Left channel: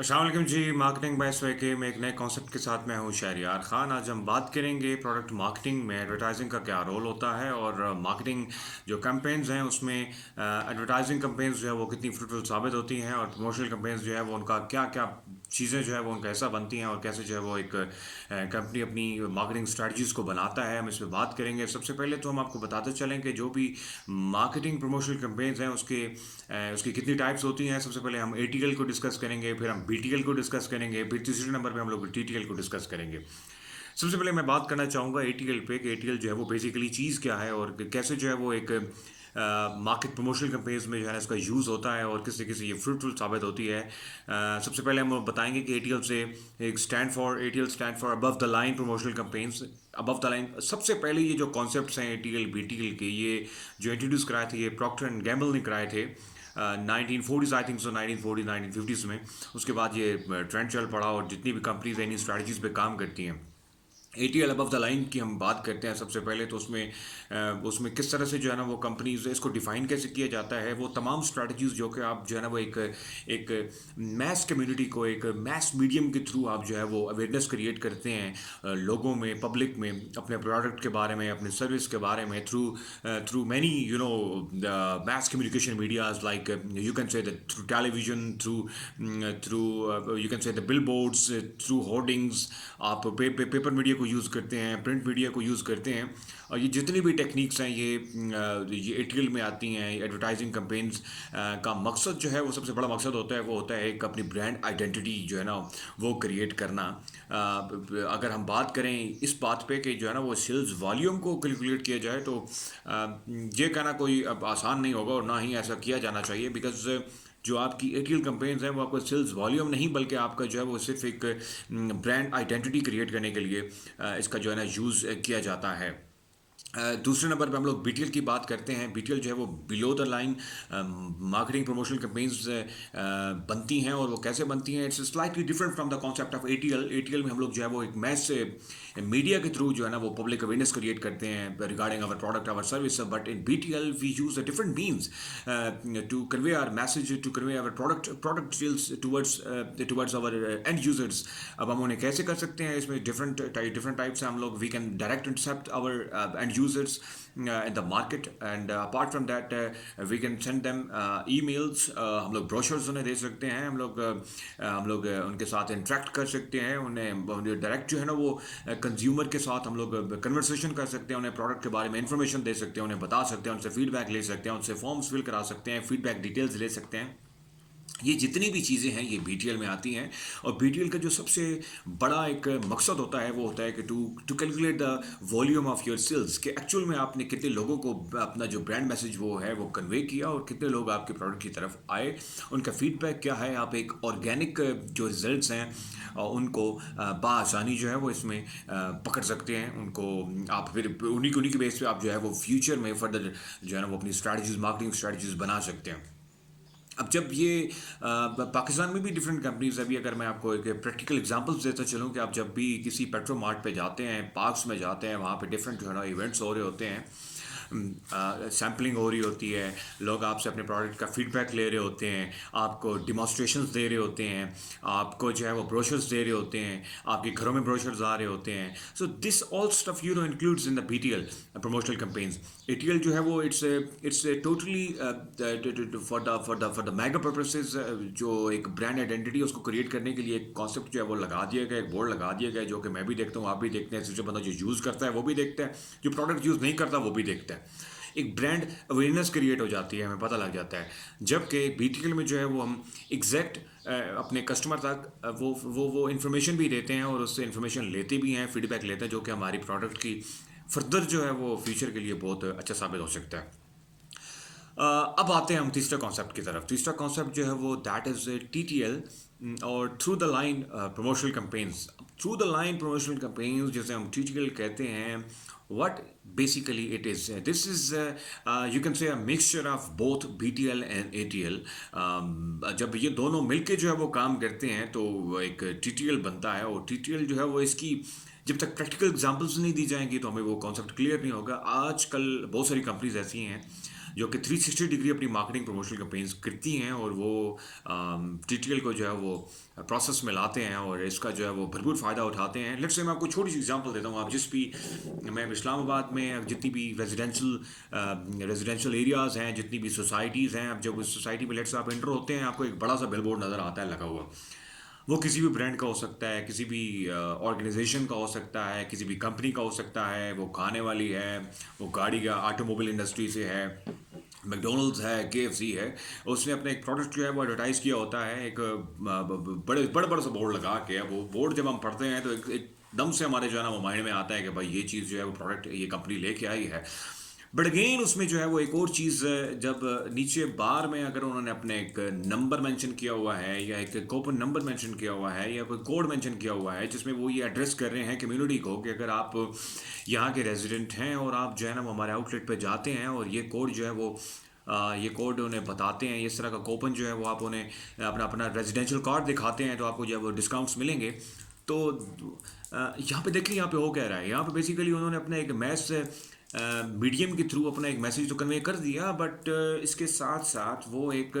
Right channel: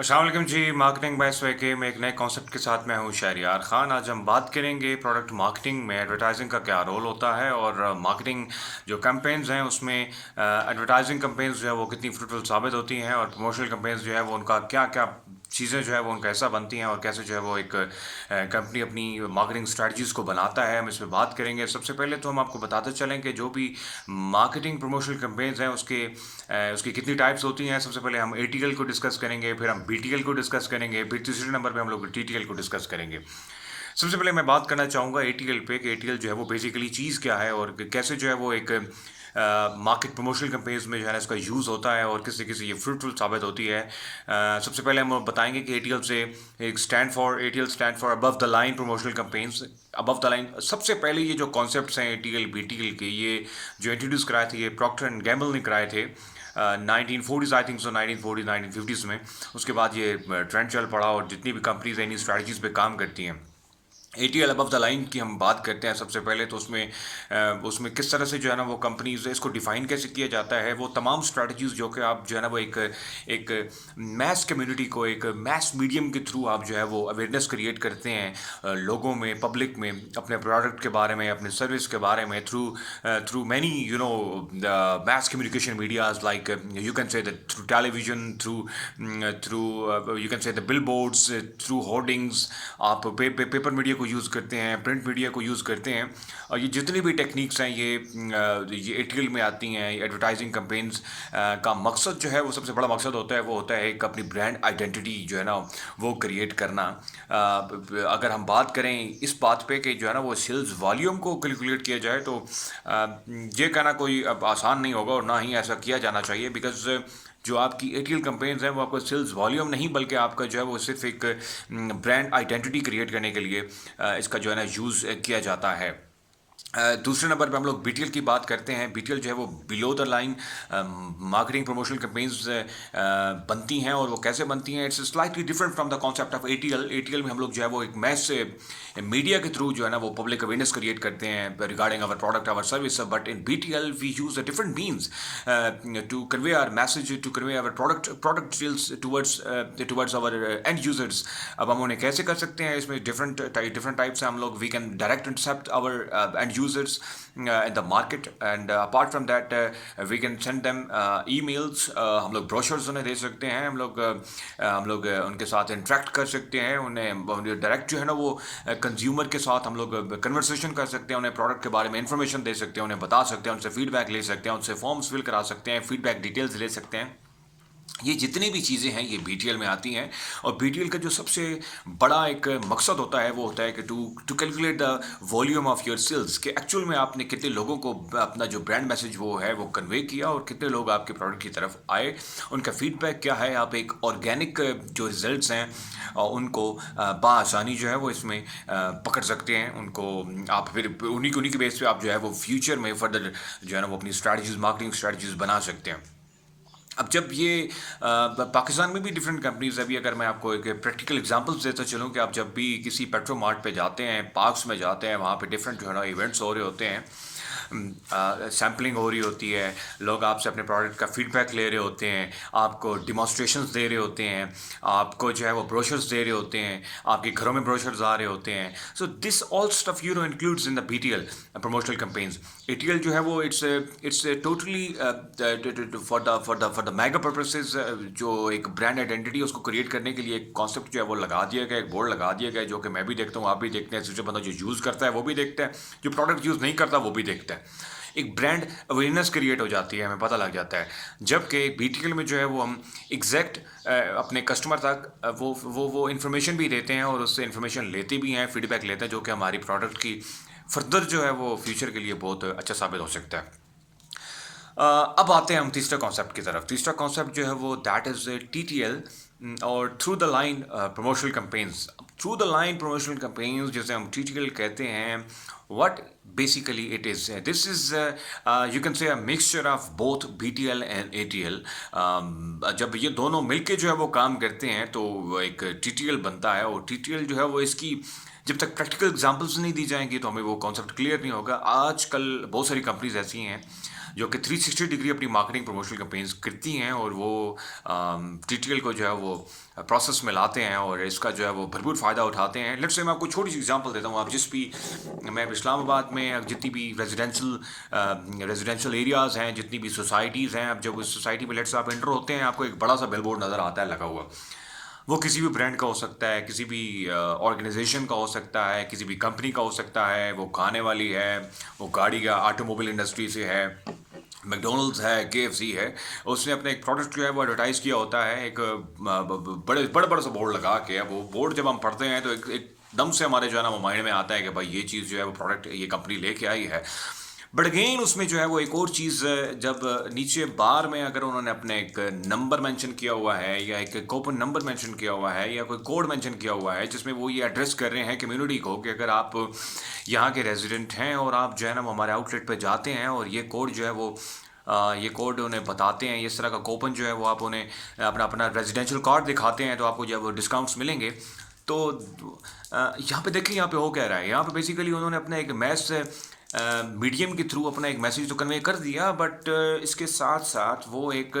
अस्सलाम वालेकुम जी। Marketing bye के में एक नए कॉन्सेप्ट के साथ मैं हूँ शहरियार खान। आज हम बात करेंगे प्रोडक्ट मार्केटिंग में एडवर्टाइजिंग का क्या रोल होता है और मार्केटिंग जो कैंपेन्स हैं उसमें एडवर्टाइजिंग कैंपेन्स जो है वो कितनी फ्रूटफुल साबित होती हैं और प्रमोशनल कैंपेन्स जो है वो उनका क्या क्या चीज़ें जो है वो उनका ऐसा बनती हैं और कैसे जो है वो एक कंपनी अपनी मार्केटिंग स्ट्रेटजीज़ को बनाता है, हम इस पे बात करेंगे। सबसे पहले तो हम आपको बताते चलें कि जो भी मार्केटिंग प्रमोशनल कैंपेन्स हैं उसकी कितनी टाइप्स होती हैं। सबसे पहले हम एटीएल को डिस्कस करेंगे, फिर हम बीटीएल को डिस्कस करेंगे, फिर तीसरे नंबर पे हम लोग टीटीएल को डिस्कस करेंगे। सबसे पहले मैं बात करना चाहूँगा एटीएल पे कि एटीएल जो है वो बेसिकली चीज़ क्या है और कैसे जो है वो एक मार्केट प्रमोशनल कैंपेन्स में जो है ना इसका यूज़ होता है और किस तरीके से ये फ्रूटफुल साबित होती है। सबसे पहले हम बताएंगे कि एटीएल से एक ATL stand for above the line promotional campaigns. Above the line सबसे पहले ये जो कॉन्सेप्ट्स हैं एटीएल बीटीएल के, ये जो इंट्रोड्यूस कराए थे ये प्रॉक्टर एंड गैम्बल ने कराए थे 1940s I think so, 1940 1950s में। उसके बाद ये ट्रेंड चल पड़ा और जितनी भी कंपनीज इन स्ट्रैटेजीज पे काम करती हैं। एटीएल अबव द लाइन की हम बात करते हैं सबसे पहले तो उसमें किस तरह से जो है ना वो कंपनीज इसको डिफाइन कैसे किया जाता है। वो तमाम स्ट्रैटेजीज जो कि आप जो है ना वो एक मैस कम्युनिटी को एक मैस मीडियम के थ्रू आप जो है वो अवेयरनेस क्रिएट करते हैं लोगों में, पब्लिक में, अपने प्रोडक्ट के बारे में, अपने सर्विस के बारे में through through many mass communication medias like you can say that through television, through you can say the billboards, through hoardings। आप पेपर मीडिया को यूज़ करते हैं, प्रिंट मीडिया को यूज़ करते हैं और ये जितनी भी टेक्निक्स हैं ये एटीएल में आती हैं। एडवर्टाइजिंग कैंपेन्स का मकसद जो है वो सबसे बड़ा मकसद होता है वो होता है एक अपनी ब्रांड आइडेंटिटी जो है ना वो क्रिएट करना। अगर हम बात करें इस बात पे कि जो है ना वो सेल्स वॉल्यूम को कैलकुलेट किया जाए तो ये कहना कोई अब आसान नहीं होगा और ना ही ऐसा किया जाना चाहिए, बिकॉज जो आपकी एटीएल कैंपेन्स हैं वो आपको सेल्स वॉल्यूम नहीं बल्कि आपका जो है वो सिर्फ एक ब्रांड आइडेंटिटी क्रिएट करने के लिए इसका जो है ना यूज़ किया जाता है। दूसरे नंबर पे हम लोग बीटीएल की बात करते हैं। बीटीएल जो है वो below the line marketing promotional campaigns बनती हैं और वो कैसे बनती हैं, it's slightly different from the concept of ATL. ATL में हम लोग जो है वो एक मैस मीडिया के थ्रू जो है ना वो पब्लिक अवेयरनेस क्रिएट करते हैं regarding our product, our service. But in BTL we use a different means to convey our message, to convey our product details towards our end users. अब हम उन्हें कैसे कर सकते हैं, इसमें डिफरेंट टाइप्स हैं हम लोग। We can direct intercept our end users in the market, and apart from that we can send them emails। हम लोग brochures उन्हें दे सकते हैं, हम लोग उनके साथ इंटरेक्ट कर सकते हैं, उन्हें डायरेक्ट जो है ना वो कंज्यूमर के साथ हम लोग कन्वर्सेशन कर सकते हैं, उन्हें प्रोडक्ट के बारे में इंफॉर्मेशन दे सकते हैं, उन्हें बता सकते हैं, उनसे फीडबैक ले सकते हैं, उनसे फॉर्म्स फिल करा सकते हैं, फीडबैक डिटेल्स ले सकते हैं। ये जितनी भी चीज़ें हैं ये बीटीएल में आती हैं और बीटीएल का जो सबसे बड़ा एक मकसद होता है वो होता है कि to calculate the volume of your sales, कि एक्चुअल में आपने कितने लोगों को अपना जो ब्रांड मैसेज वो है वो कन्वे किया और कितने लोग आपके प्रोडक्ट की तरफ आए, उनका फीडबैक क्या है। आप एक ऑर्गेनिक जो रिजल्ट्स हैं उनको बआसानी जो है वो इसमें पकड़ सकते हैं उनको। आप फिर उन्हीं की बेस पे आप जो है वो फ्यूचर में फर्दर जो है ना वो अपनी स्ट्रैटेजीज, मार्केटिंग स्ट्रैटेजीज बना सकते हैं। अब जब ये पाकिस्तान में भी डिफरेंट कंपनीज, अभी अगर मैं आपको एक प्रैक्टिकल एग्जांपल्स देता चलूँ कि आप जब भी किसी पेट्रो मार्ट पे जाते हैं, पार्क्स में जाते हैं, वहाँ पे डिफरेंट जो है ना इवेंट्स हो रहे होते हैं, सैम्पलिंग हो रही होती है, लोग आपसे अपने प्रोडक्ट का फीडबैक ले रहे होते हैं, आपको डिमॉन्स्ट्रेशंस दे रहे होते हैं, आपको जो है वो ब्रोशर्स दे रहे होते हैं, आपके घरों में ब्रोशर्स आ रहे होते हैं। So this all stuff includes in the BTL promotional campaigns. ATL जो है वो it's totally for the mega purposes, जो एक ब्रांड आइडेंटिटी उसको क्रिएट करने के लिए एक कॉन्सेप्ट जो है वो लगा दिया गया, एक बोर्ड लगा दिया गया, जो कि मैं भी देखता हूँ, आप भी देखते हैं, दूसरा बंदा जो यूज़ करता है वो भी देखता है, जो प्रोडक्ट यूज़ नहीं करता वो भी देखता है। एक ब्रांड अवेयरनेस क्रिएट हो जाती है, हमें पता लग जाता है। जबकि बीटीएल में जो है वो हम एग्जैक्ट अपने कस्टमर तक वो इन्फॉर्मेशन भी देते हैं और उससे इन्फॉर्मेशन लेते भी हैं, फीडबैक लेते हैं, जो कि हमारी प्रोडक्ट की फर्दर जो है वो फ्यूचर के लिए बहुत अच्छा साबित हो सकता है। अब आते हैं हम तीसरे कॉन्सेप्ट की तरफ। तीसरा कॉन्सेप्ट जो है वो दैट इज़ टीटीएल और through the line promotional campaigns. Through the line promotional campaigns जिसे हम टीटीएल कहते हैं, what basically it is, this is you can say a mixture of both BTL and ATL। जब ये दोनों मिलके जो है वो काम करते हैं तो एक TTL बनता है और TTL जो है वो इसकी जब तक प्रैक्टिकल एग्जांपल्स नहीं दी जाएंगी तो हमें वो कॉन्सेप्ट क्लियर नहीं होगा। आजकल बहुत सारी कंपनीज ऐसी हैं जो कि 360 डिग्री अपनी मार्केटिंग प्रमोशनल कैंपेन्स करती हैं और वो टीटीएल को जो है वो प्रोसेस में लाते हैं और इसका जो है वो भरपूर फ़ायदा उठाते हैं। लेट्स से मैं आपको छोटी सी एग्जांपल देता हूँ। आप जिस भी मैं इस्लामाबाद में जितनी भी रेजिडेंशियल एरियाज़ हैं, जितनी भी सोसाइटीज़ हैं, अब जब उस सोसाइटी में लेट्स आप एंटर होते हैं, आपको एक बड़ा सा बिलबोर्ड नज़र आता है लगा हुआ। वो किसी भी ब्रांड का हो सकता है, किसी भी ऑर्गेनाइजेशन का हो सकता है, किसी भी कंपनी का हो सकता है, वो खाने वाली है, वो गाड़ी का ऑटोमोबाइल इंडस्ट्री से है, मैकडोनल्ड्स है, केएफसी है। उसने अपने एक प्रोडक्ट जो है वो एडवर्टाइज़ किया होता है एक बड़े बड़े बड़ा सा बोर्ड लगा के। वो बोर्ड जब हम पढ़ते हैं तो एकदम से हमारे जो है ना वो माइंड में आता है कि भाई ये चीज़ जो है वो प्रोडक्ट ये कंपनी लेके आई है। बट अगेन उसमें जो है वो एक और चीज़, जब नीचे बार में अगर उन्होंने अपने एक नंबर मेंशन किया हुआ है या एक कूपन नंबर मेंशन किया हुआ है या कोई कोड मेंशन किया हुआ है जिसमें वो ये एड्रेस कर रहे हैं कम्युनिटी को कि अगर आप यहाँ के रेजिडेंट हैं और आप जो है ना वो हमारे आउटलेट पे जाते हैं और ये कोड जो है वो ये कोड उन्हें बताते हैं, इस तरह का कूपन जो है वो आप उन्हें अपना अपना रेजिडेंशियल कार्ड दिखाते हैं तो आपको जो है वो डिस्काउंट्स मिलेंगे। तो यहाँ पे देखिए यहाँ पे हो क्या रहा है। यहाँ पे बेसिकली उन्होंने अपना एक मैस मीडियम के थ्रू अपना एक मैसेज तो कन्वे कर दिया, बट इसके साथ साथ वो एक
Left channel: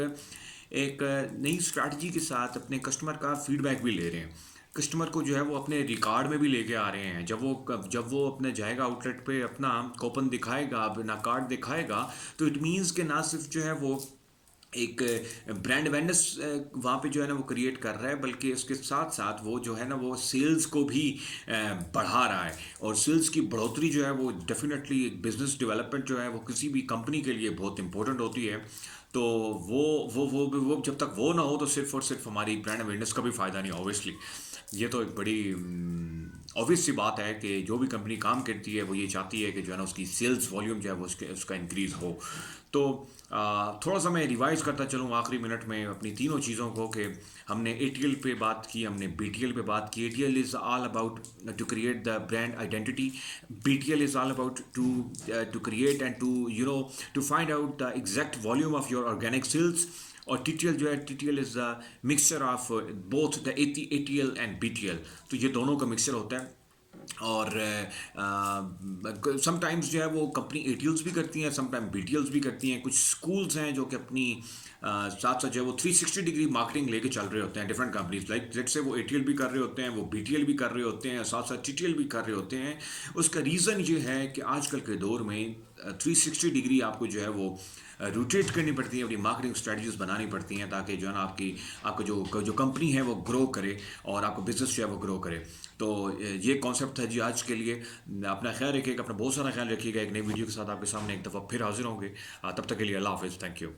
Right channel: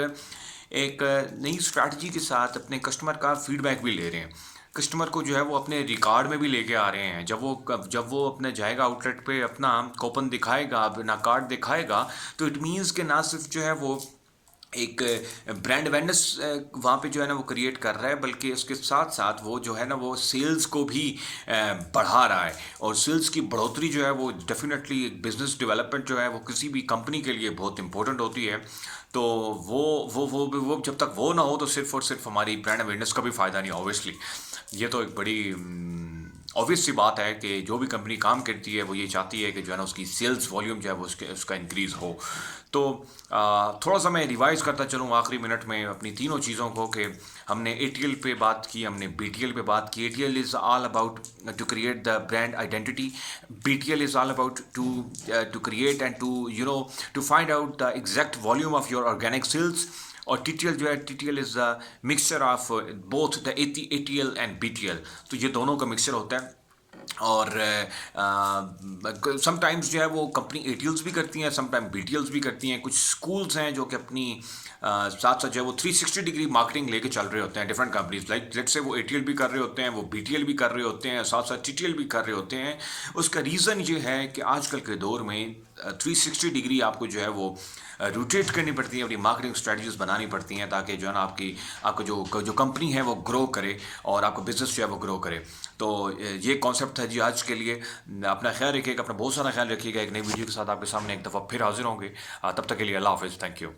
एक नई स्ट्रैटेजी के साथ अपने कस्टमर का फीडबैक भी ले रहे हैं। कस्टमर को जो है वो अपने रिकॉर्ड में भी लेके आ रहे हैं। जब वो अपने जाएगा आउटलेट पे, अपना कूपन दिखाएगा, अपना कार्ड दिखाएगा, तो इट मीन्स कि ना सिर्फ जो है वो एक ब्रांड अवेयरनेस वहाँ पे जो है ना वो क्रिएट कर रहा है, बल्कि उसके साथ साथ वो जो है ना वो सेल्स को भी बढ़ा रहा है। और सेल्स की बढ़ोतरी जो है वो डेफिनेटली बिजनेस डेवलपमेंट जो है वो किसी भी कंपनी के लिए बहुत इंपॉर्टेंट होती है। तो वो जब तक वो ना हो तो सिर्फ और सिर्फ हमारी ब्रांड अवेयरनेस का भी फ़ायदा नहीं, ऑब्वियसली। ये तो एक बड़ी ऑब्वियस सी बात है कि जो भी कंपनी काम करती है वो ये चाहती है कि जो है ना उसकी सेल्स वॉल्यूम जो है वो उसका इंक्रीज़ हो। तो थोड़ा सा मैं रिवाइज करता चलूँ आखिरी मिनट में अपनी तीनों चीज़ों को कि हमने एटीएल पे बात की, हमने बीटीएल पे बात की। ATL is all about to create the brand identity, BTL is all about to create and to find out the exact volume of your organic sales. और टीटीएल जो है, TTL is the mixture of both the ATL and BTL. तो ये दोनों का mixture होता है। और समटाइम्स जो है वो कंपनी एटीएल्स भी करती हैं, समटाइम बीटीएल्स भी करती हैं। कुछ स्कूल्स हैं जो कि अपनी साथ साथ जो है वो 360 डिग्री मार्केटिंग लेके चल रहे होते हैं। Different companies like let's say वो एटीएल भी कर रहे होते हैं, वो बीटीएल भी कर रहे होते हैं, साथ साथ टीटीएल भी कर रहे होते हैं। उसका रीज़न ये है कि आजकल के दौर में 360 डिग्री आपको जो है वो रोटेट करनी पड़ती है, अपनी मार्केटिंग स्ट्रेटजीज बनानी पड़ती हैं ताकि जो है ना आपको जो कंपनी है वो ग्रो करे और आपका बिजनेस जो है वो ग्रो करे। तो ये कॉन्सेप्ट था जी आज के लिए। अपना ख्याल रखिएगा, अपना बहुत सारा ख्याल रखिएगा। एक नई वीडियो के साथ आपके सामने एक दफ़ा फिर हाजिर होंगे। तब तक के लिए अल्लाह हाफिज़, थैंक यू।